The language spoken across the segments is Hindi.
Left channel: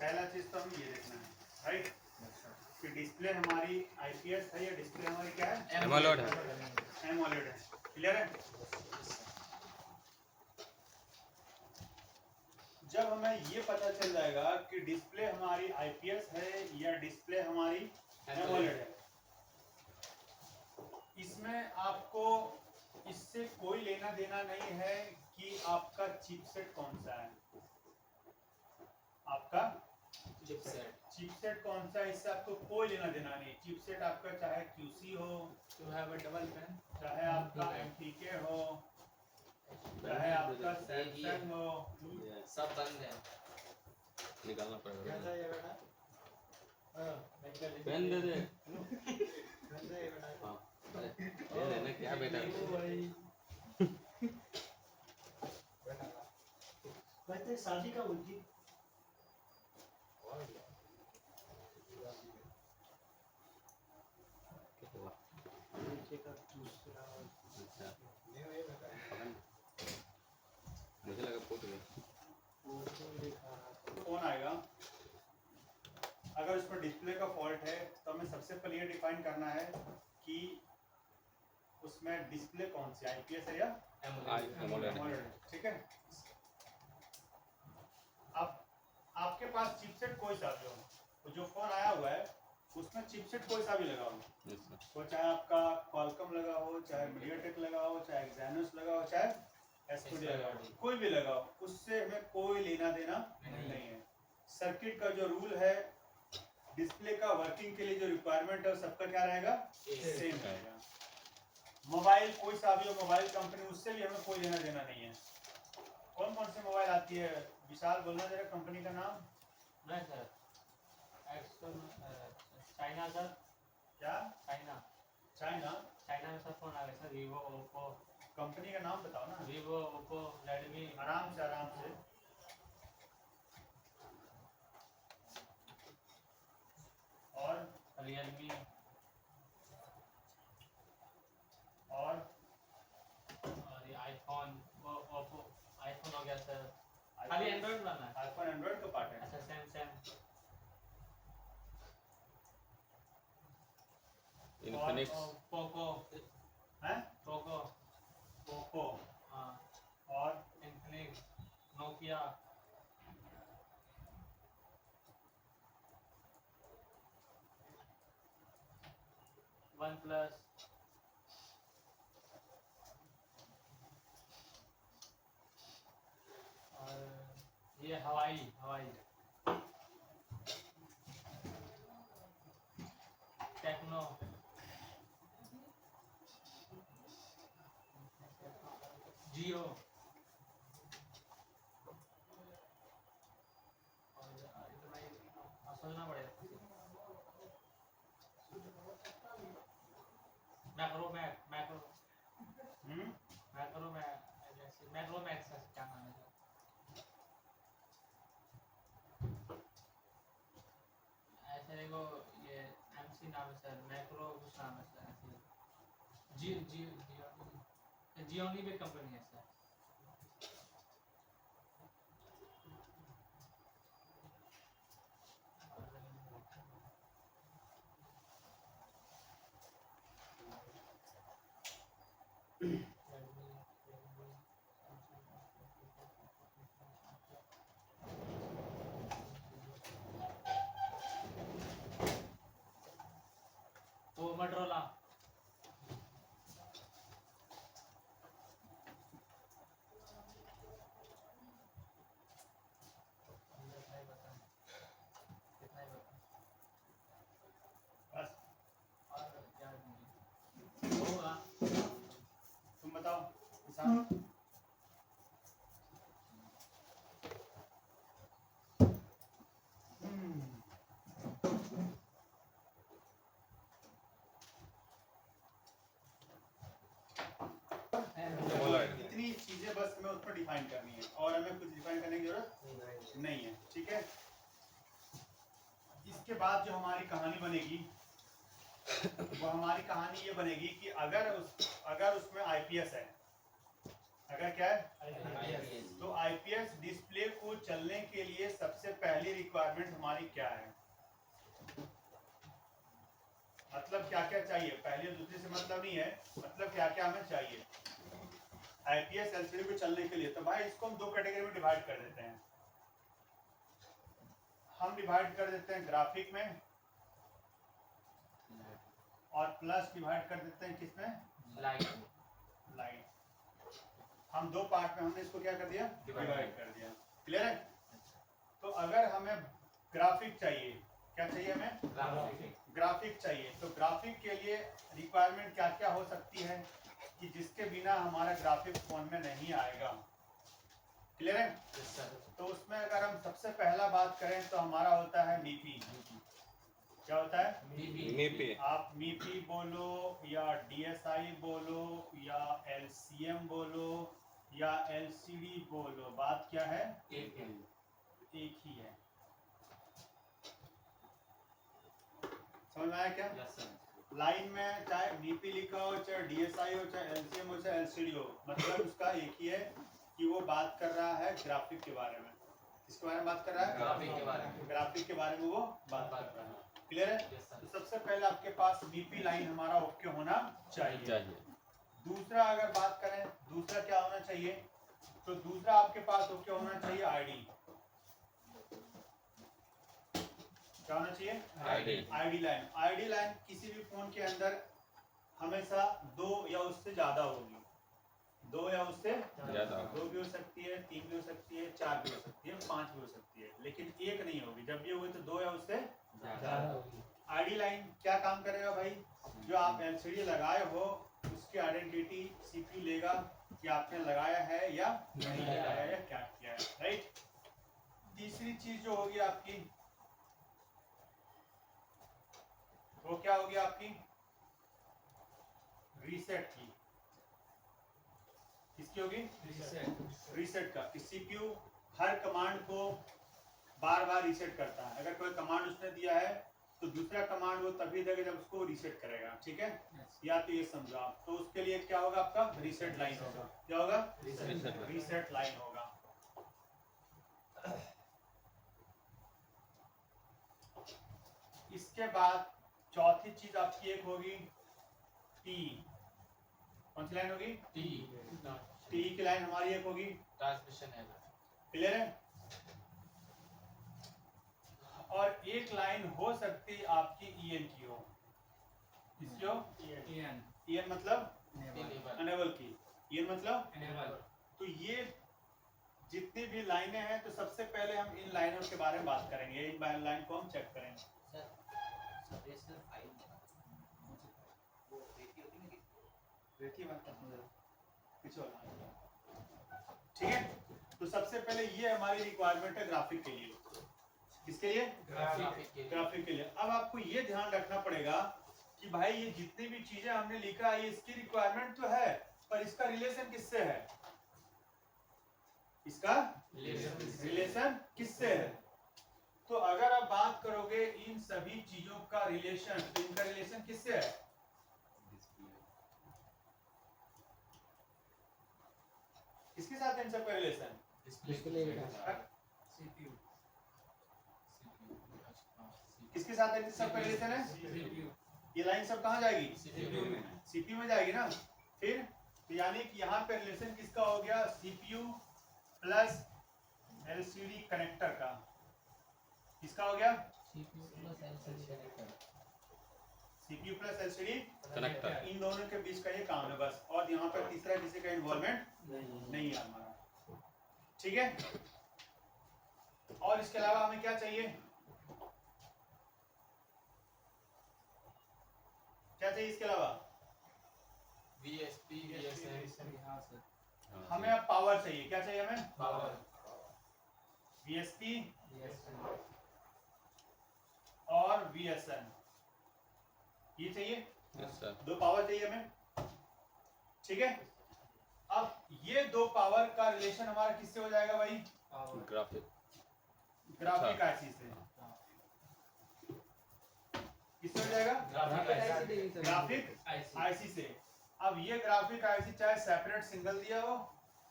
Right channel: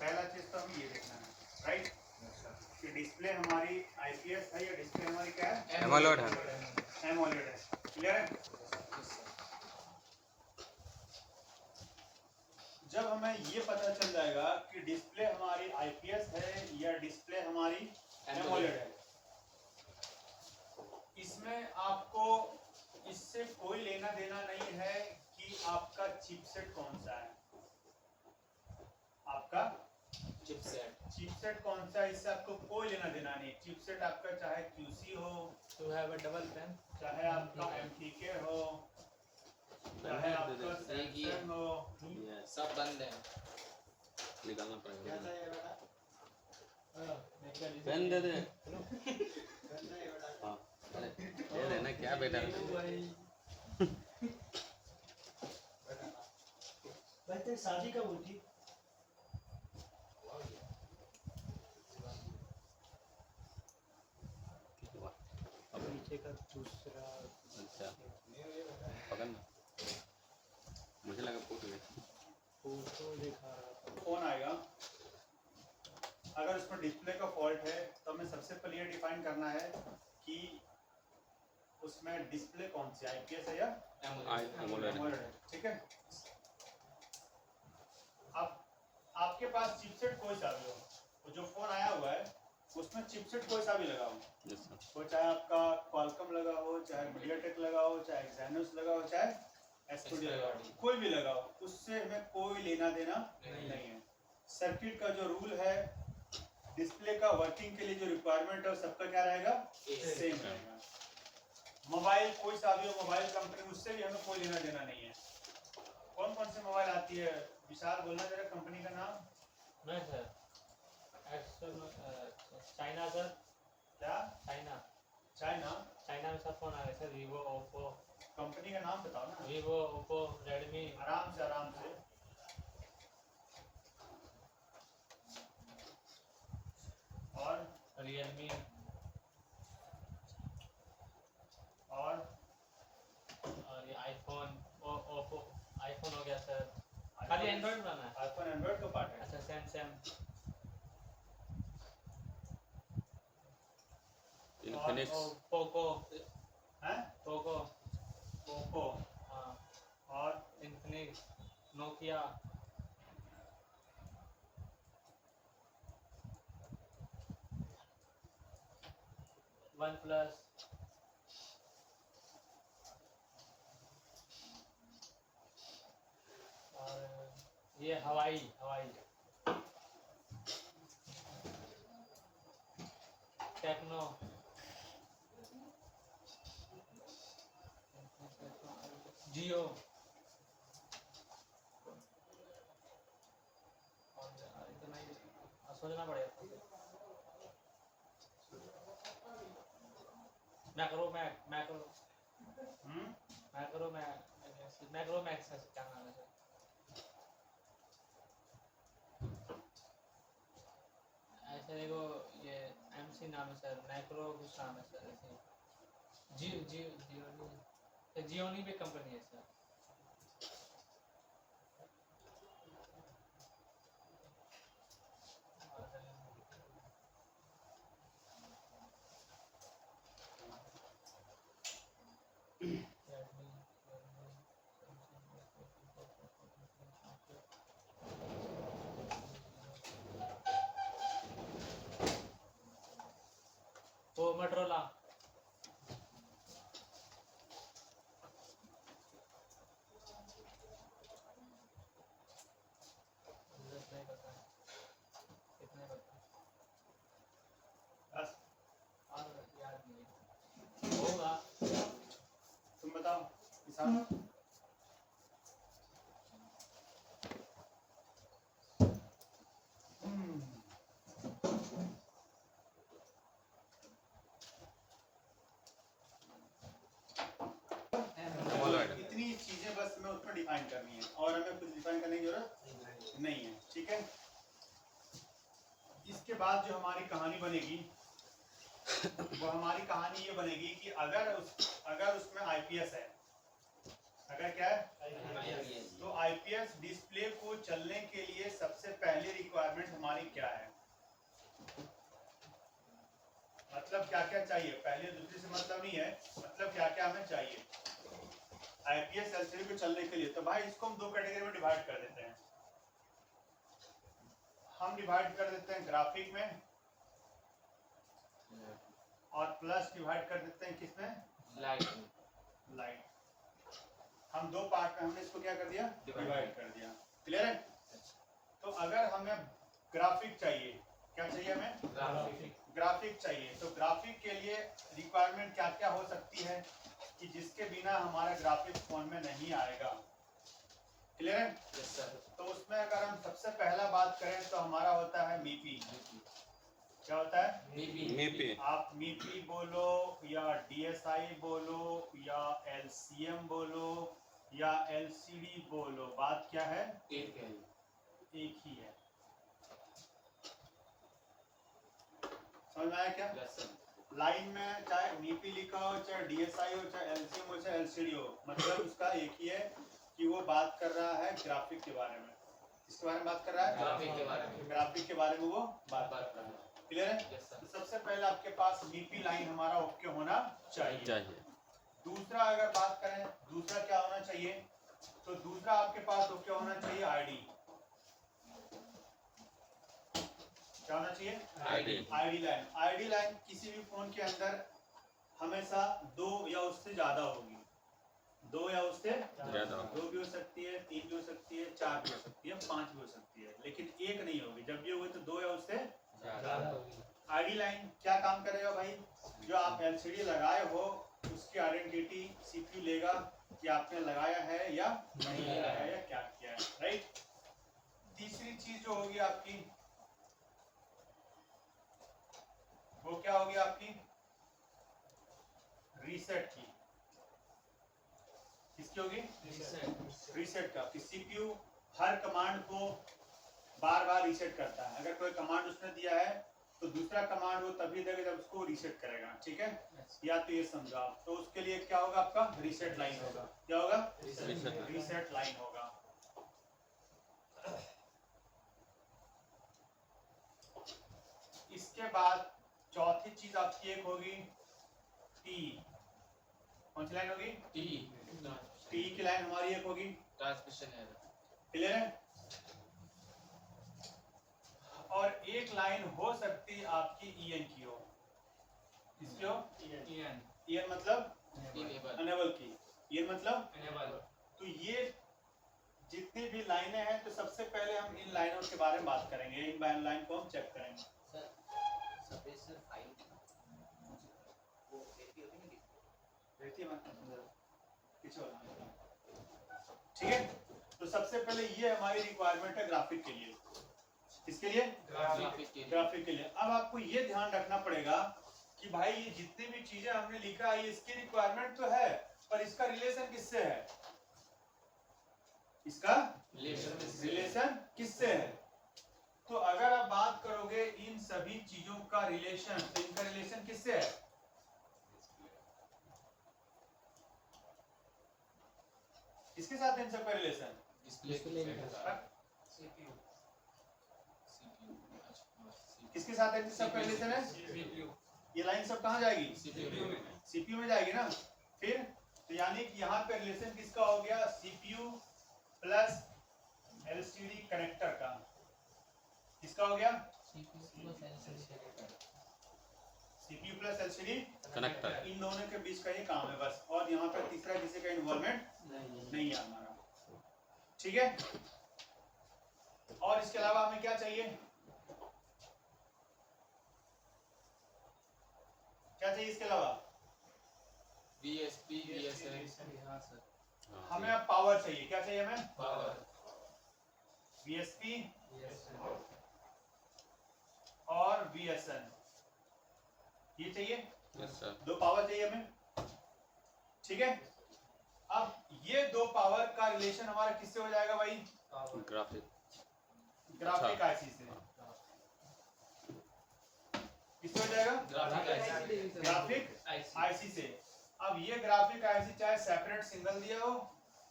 पहला चीज तो हमें ये देखना है, राइट, कि डिस्प्ले हमारी आईपीएस है या डिस्प्ले हमारी क्या है, एमोलेड है, एमोलेड है। क्लियर है? जब हमें ये पता चल जाएगा कि डिस्प्ले हमारी आईपीएस है या डिस्प्ले हमारी एमोलेड है, इसमें आपको इससे कोई लेना देना नहीं है कि आपका चिपसेट कौन सा है, आपका चिपसेट कौन सा है, इससे आपको कोई लेना देना नहीं। चिपसेट आपका चाहे क्यूसी हो, चाहे आपका एमटीके हो, चाहे आपका सैमसंग हो, सब बंद है। निकालना पड़ेगा। कैसा है बेटा? पेन दे दे। हाँ ये लेना क्या बेटा? भाई तेरी शादी कब हुई थी? नीचे का दूसरा। अच्छा पकड़ ना। मुझे लगा फोटो है। फोटो दिखा रहा था। फोन आएगा, अगर उसमें डिस्प्ले का फॉल्ट है तो हमें सबसे पहले ये डिफाइन करना है कि उसमें डिस्प्ले कौन सी, आईपीएस है या एमोलेड एमोलेड है। ठीक है, अब आपके पास चिपसेट कोई सा भी हो, तो जो फोन आया हुआ है उसमें चिपसेट कोई सा भी लगा हो, वो चाहे आपका क्वालकॉम लगा हो, चाहे मीडियाटेक लगा हो, चाहे एक्साइनोस लगा हो, चाहे एसपीडी लगा हो, कोई भी लगा हो, उससे हमें कोई लेना देना नहीं है। सर्किट का जो रूल है, डिस्प्ले का वर्किंग के लिए जो रिक्वायरमेंट है सबका क्या रहेगा, सेम रहेगा। मोबाइल कोई सा भी हो, मोबाइल कंपनी, उससे भी हमें कोई लेना देना नहीं है। कौन कौन सी मोबाइल आती है, विशाल बोलना जरा कंपनी का नाम। नहीं सर, चाइना सर, क्या चाइना चाइना में सब फोन आ गए सर, वीवो, ओप्पो। कंपनी का नाम बताओ ना, वीवो, ओप्पो, रेडमी। आराम से और रियलमी और ये आईफोन, ओप्पो आईफोन हो गया सर। खाली एंड्रॉइड बना है। आईफोन एंड्रॉइड का पार्ट है। अच्छा सैमसंग, इन्फिनिक्स, पोको हैं, पोको, ओप्पो हाँ, और इन्फिनिक्स, नोकिया, वन प्लस, और ये हवाई टेक्नो, जियो, और इतना ही सोचना पड़ेगा। मैक्रोमैक्स का क्या नाम है सर? ऐसे देखो, ये एमसी नाम है सर, मैक्रो कुछ नाम है सर, ऐसे जियोनी भी कंपनी है सर। वो मोटरोला, बस और याद नहीं होगा। तुम बताओ किसान। इतनी चीजें बस हमें उसमें डिफाइन करनी है और हमें कुछ डिफाइन करने की जरूरत नहीं है। ठीक है, इसके बाद जो हमारी कहानी बनेगी वो हमारी कहानी ये बनेगी कि अगर उसमें आईपीएस है, अगर क्या है IPS तो आईपीएस डिस्प्ले को चलने के लिए सबसे पहली रिक्वायरमेंट हमारी क्या है, मतलब क्या क्या चाहिए, पहली और दूसरी से मतलब नहीं है, मतलब क्या क्या हमें चाहिए आईपीएस एलसीडी को चलने के लिए। तो भाई इसको हम दो कैटेगरी में डिवाइड कर देते हैं, हम डिवाइड कर देते हैं ग्राफिक में और प्लस डिवाइड कर देते हैं किसमें, लाइट। हम दो पार्ट में हमने इसको क्या कर दिया, डिवाइड कर दिया। क्लियर है। तो अगर हमें ग्राफिक चाहिए, क्या चाहिए हमें, ग्राफिक चाहिए, तो ग्राफिक के लिए रिक्वायरमेंट क्या क्या हो सकती है कि जिसके बिना हमारा ग्राफिक फोन में नहीं आएगा। क्लियर है। तो उसमें अगर हम सबसे पहला बात करें तो हमारा होता है मीपी। क्या होता है, मीपी। आप मीपी बोलो या डीएसआई बोलो या एलसीएम बोलो या एलसीडी बोलो, बात क्या है, एक ही है। समझ में आया क्या। लाइन में चाहे मीपी लिखा हो, चाहे डीएसआई हो, चाहे एलसीएम हो, चाहे एलसीडी हो, मतलब उसका एक ही है कि वो बात कर रहा है ग्राफिक के बारे में। किसके बारे में बात कर रहा है, ग्राफिक के बारे में, ग्राफिक के बारे में वो बात कर रहा है। क्लियर है। तो सबसे पहले आपके पास मीपी लाइन हमारा ओके होना चाहिए। दूसरा अगर बात करें, दूसरा क्या होना चाहिए, तो दूसरा आपके पास ओके होना चाहिए आईडी। क्या होना चाहिए, आईडी लाइन। आईडी लाइन किसी भी फोन के अंदर हमेशा दो या उससे ज्यादा होगी, दो या उससे ज्यादा, दो भी हो सकती है, तीन भी हो सकती है, चार भी हो सकती है, पांच भी हो सकती है, लेकिन एक नहीं होगी। जब भी होगी तो दो या उससे आईडी लाइन क्या काम करेगा भाई, जो आप एलसीडी लगाए हो उसकी आइडेंटिटी सीपीयू लेगा कि आपने लगाया है या नहीं लगाया या क्या किया है, राइट। तीसरी चीज जो होगी आपकी वो क्या होगी आपकी, रीसेट की। किसकी होगी, रीसेट का। सीपीयू हर कमांड को बार बार रीसेट करता है। अगर कोई कमांड उसने दिया है तो दूसरा कमांड वो तभी देगा जब उसको रीसेट करेगा, ठीक है। या तो ये समझो आप, तो उसके लिए क्या होगा, आपका रीसेट लाइन होगा। क्या होगा, रीसेट लाइन होगा। इसके बाद चौथी चीज आपकी एक होगी टी। कौन सी लाइन होगी, टी की लाइन हमारी एक होगी, ट्रांसमिशन एरर। क्लियर है। और एक लाइन हो सकती है आपकी ईएन की हो। किसकी हो, ईएन मतलब अनेबल की, ईएन मतलब। तो ये जितनी भी लाइनें हैं, तो सबसे पहले हम इन लाइनों के बारे में बात करेंगे, इन लाइन को हम चेक करेंगे। ठीक है। तो सबसे पहले ये हमारी रिक्वायरमेंट है ग्राफिक के लिए। किसके लिए, ग्राफिक के लिए। अब आपको ये ध्यान रखना पड़ेगा कि भाई ये जितनी भी चीजें हमने लिखा है इसकी रिक्वायरमेंट तो है, पर इसका रिलेशन किससे है, इसका रिलेशन किससे है। तो अगर आप बात करोगे इन सभी चीजों का रिलेशन, तो इनका रिलेशन किससे है, किसके साथ है इन सबका रिलेशन, किसके साथ है इन सबका रिलेशन है, ये लाइन सब कहाँ जाएगी, सीपीयू में जाएगी ना। फिर तो यानी कि यहाँ पे रिलेशन किसका हो गया, सीपीयू प्लस एलसीडी कनेक्टर का। किसका हो गया, सीपीयू प्लस एलसीडी कनेक्टर। इन दोनों के बीच का ये काम है बस, और यहाँ पर तीसरा किसी का इन्वॉल्वमेंट नहीं है हमारा, ठीक है। और इसके अलावा हमें क्या चाहिए, क्या चाहिए इसके अलावा, VSP, VSN। हमें अब पावर चाहिए। क्या चाहिए हमें, पावर। VSP और VSN, ये चाहिए। Yes sir. दो पावर चाहिए हमें, ठीक है। अब ये दो पावर का रिलेशन हमारा किससे हो जाएगा भाई, ग्राफिक। ग्राफिक आईसी से। किससे हो जाएगा, ग्राफिक आईसी से। अब ये ग्राफिक आईसी चाहे सेपरेट सिंगल दिया हो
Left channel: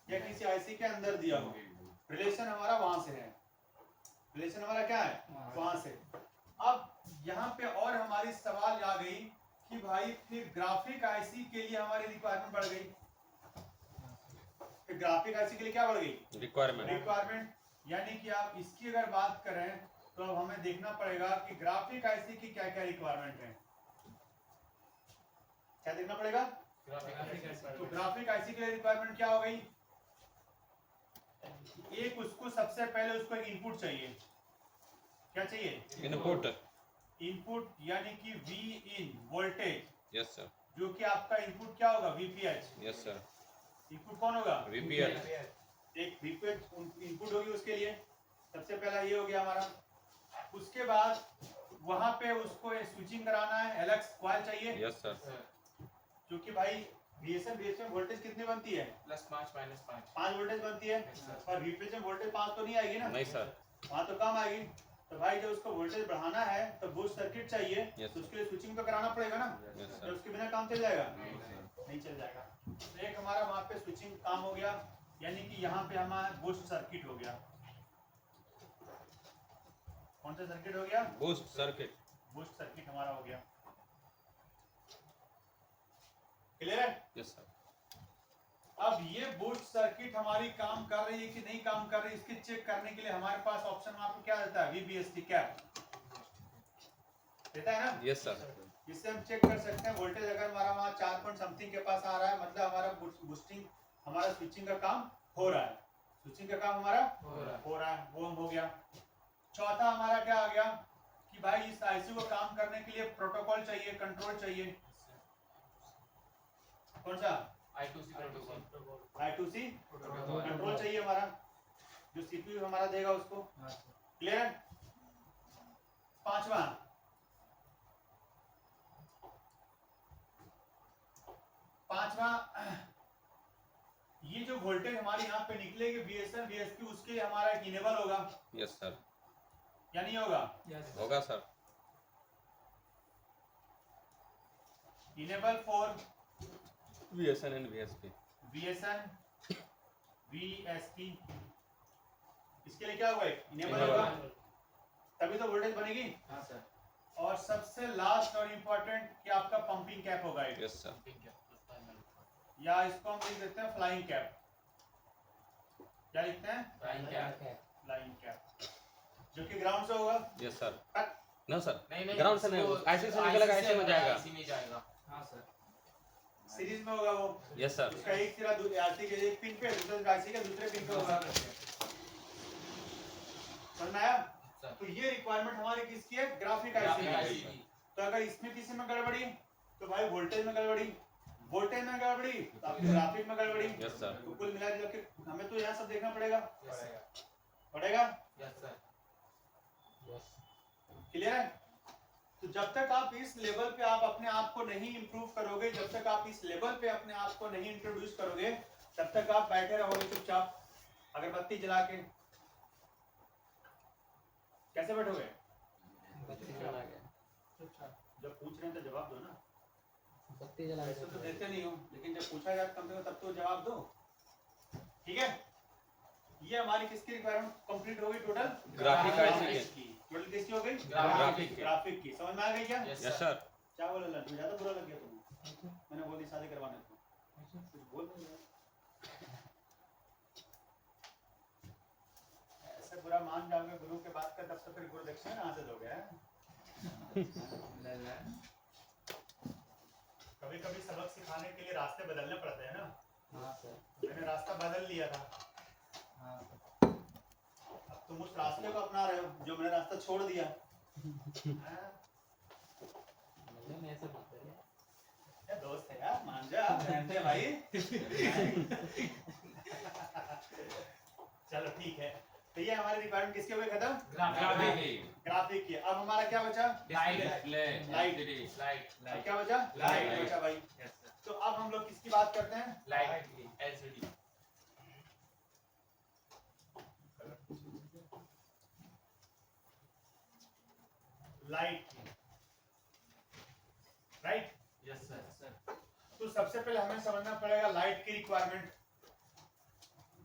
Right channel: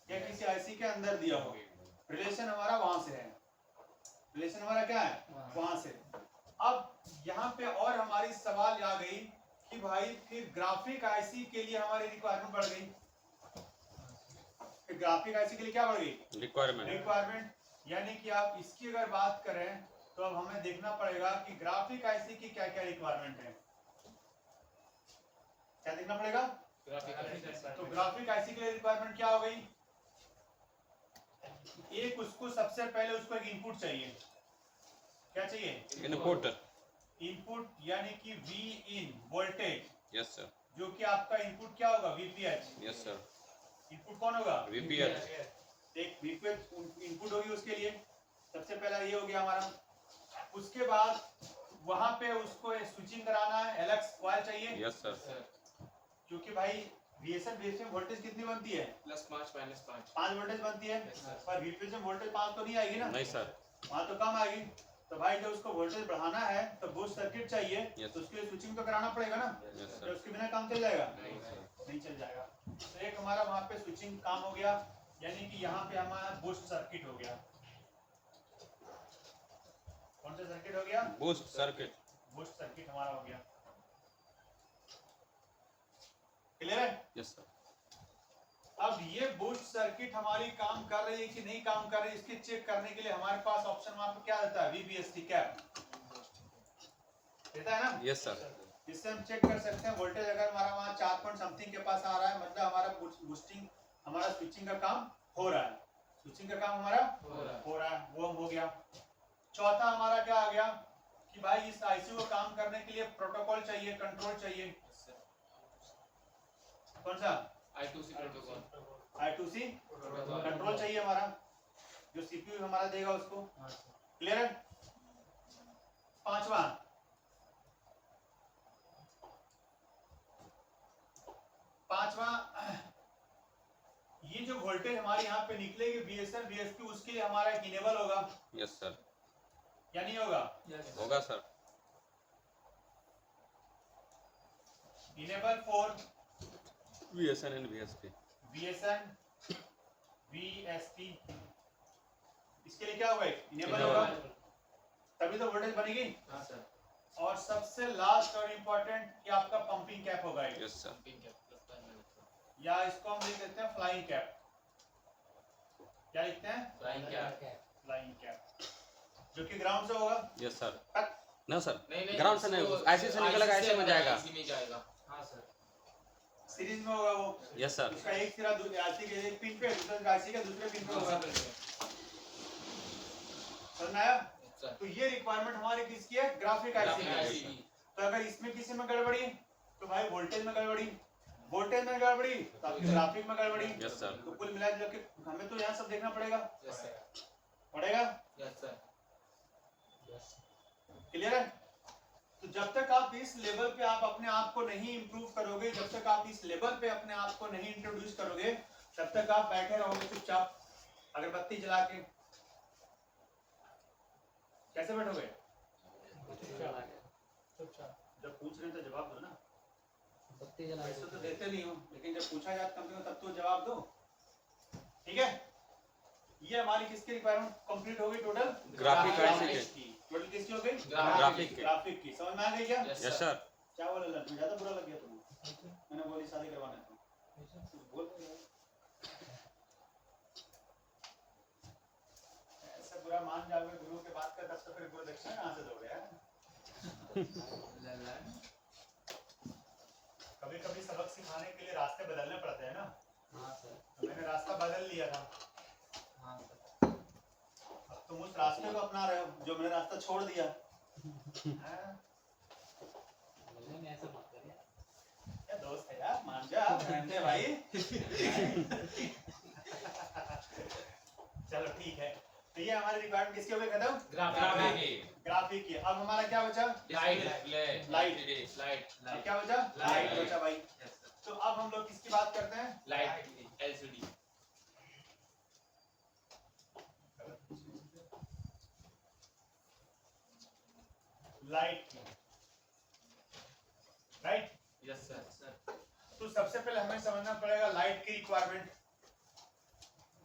या किसी आईसी के अंदर दिया हो, रिलेशन हमारा वहां से है, रिलेशन हमारा क्या है वहां से। अब यहाँ पे और हमारी सवाल आ गई कि भाई फिर ग्राफिक आईसी के लिए हमारी रिक्वायरमेंट बढ़ गई, फिर ग्राफिक आईसी के लिए क्या बढ़ गई रिक्वायरमेंट, यानी कि आप इसकी अगर बात करें तो अब हमें देखना पड़ेगा कि ग्राफिक आईसी की क्या क्या रिक्वायरमेंट है, क्या देखना पड़ेगा। तो ग्राफिक आईसी के लिए रिक्वायरमेंट क्या हो गई, एक उसको सबसे पहले उसको एक इनपुट चाहिए, क्या चाहिए इनपुट यानी कि we in voltage, yes sir, जो कि आपका इनपुट क्या होगा वीपीएच, यस सर, इनपुट कौन होगा VPH। एक वीपीएच इनपुट होगी उसके लिए, सबसे पहला ये हो गया हमारा। उसके बाद वहां पे उसको स्विचिंग कराना है, एलएक्स कॉइल चाहिए, यस सर, क्योंकि भाई VSM में वोल्टेज कितनी बनती है +5 -5 5 वोल्टेज बनती है, Yes, sir. पर वीपीएच में वोल्टेज 5 तो नहीं आएगी ना, नहीं सर, वहां तो कम आएगी। तो भाई जब उसको वोल्टेज बढ़ाना है तो बूस्ट सर्किट चाहिए, Yes. तो उसके लिए स्विचिंग तो कराना पड़ेगा ना, यस तो सर, उसके बिना काम चल जाएगा नहीं। नहीं चल जाएगा। तो एक हमारा वहां पे स्विचिंग काम हो गया, यानी कि यहाँ पे हमारा बूस्ट सर्किट हो गया। कौन सा सर्किट हो गया, बूस्ट सर्किट, बूस्ट सर्किट हमारा हो गया, क्लियर है। यस सर, अब ये बूस्ट सर्किट हमारी काम कर रही है कि नहीं काम कर रही है, इसके चेक करने के लिए हमारे पास ऑप्शन वहां पे क्या रहता है VBST कैप देता है ना, यस सर, जिससे हम चेक कर सकते हैं वोल्टेज अगर हमारा वहाँ 4 पॉइंट समथिंग के पास आ रहा है, मतलब हमारा बूस्टिंग हमारा स्विचिंग का काम हो रहा है, स्विचिंग का काम हमारा हो रहा है, वो हो गया। चौथा हमारा क्या आ गया कि भाई इस आईसी को काम करने के लिए प्रोटोकॉल चाहिए, कंट्रोल चाहिए, कौन सा I2C प्रोटोकॉल, I2C कंट्रोल चाहिए हमारा, जो सीपीयू हमारा देगा उसको, क्लियर है। पांचवा ये जो वोल्टेज हमारी यहाँ पे निकलेगी VSM VSP, उसके लिए हमारा एक इनेबल होगा यस सर, या नहीं होगा, होगा sir, enable for VSN and VSP, VSN VSP, इसके लिए क्या होगा इनेबल Enable। होगा, तभी तो वोल्टेज बनेगी। हाँ सर, और सबसे लास्ट और इम्पोर्टेंट कि आपका पंपिंग कैप होगा एक, यस सर, पिंक है +5 -5 या इसको हम लिख देते हैं फ्लाइंग कैप, क्या लिखते हैं फ्लाइंग कैप, फ्लाइंग कैप, जो कि ग्राउंड से होगा यस सर, तक, नो सर, नहीं ग्राउंड से नहीं, ऐसे से निकलेगा, ऐसे में जाएगा, IC में जाएगा। हाँ सर, सीरीज में होगा वो, यस सर, उसका एक सिरा आईसी के एक पिन पे, दूसरा आईसी के दूसरे पिन पे होगा, समझ में आया। सर तो ये रिक्वायरमेंट हमारी किसकी है, ग्राफिक आईसी की है। तो अगर इसमें किसी में गड़बड़ी तो भाई वोल्टेज में गड़बड़ी, वोल्टेज में गड़बड़ी तो आपकी ग्राफिक में गड़बड़ी, यस सर, तो कुल मिला के हमें तो यहाँ सब देखना पड़ेगा यस सर, पड़ेगा, यस सर, क्लियर है। तो जब तक आप इस लेवल पे आप अपने आप को नहीं इंप्रूव करोगे, जब तक आप इस लेवल पे अपने आप को नहीं इंट्रोड्यूस करोगे, तब तक आप बैठे रहोगे चुपचाप अगरबत्ती जला के। कैसे बैठोगे, जब पूछ रहे हैं तो जवाब दो ना, वैसे तो देते नहीं हो, लेकिन जब पूछा जाए कम से कम तब तो जवाब दो, ठीक है। ये हमारी किसकी रिक्वायरमेंट कंप्लीट हो गई टोटल, ग्राफिक आईसी की टोटल किसकी हो गई, ग्राफिक के, ग्राफिक की। समझ में आ गई क्या, यस सर, क्या बोला लल्लू, ज्यादा बुरा लग गया तुम्हें, मैंने बोली शादी करवाना था, कुछ बोल नहीं रहे। ऐसे बुरा मान जाओगे गुरु के बात का, तब तो फिर गुरु दक्षिणा कहाँ से दोगे यार। कभी कभी सबक सिखाने के लिए रास्ते बदलने पड़ते हैं ना। हाँ सर, तो मैंने रास्ता बदल लिया था, हाँ सर, अब तुम उस रास्ते को अपना रहे हो जो मैंने रास्ता छोड़ दिया। हाँ? ऐसा मत करिए। क्या दोस्त है यार, मान जा बहन है भाई। चलो ठीक है, तो ये हमारी रिक्वायरमेंट किसके हो गई खत्म, ग्राफिक की। अब हमारा क्या बचा, लाइट, अब क्या बचा, लाइट बचा भाई। तो अब हम लोग किसकी बात करते हैं, लाइट LCD, लाइट की, राइट। यस सर, तो सबसे पहले हमें समझना पड़ेगा लाइट की रिक्वायरमेंट।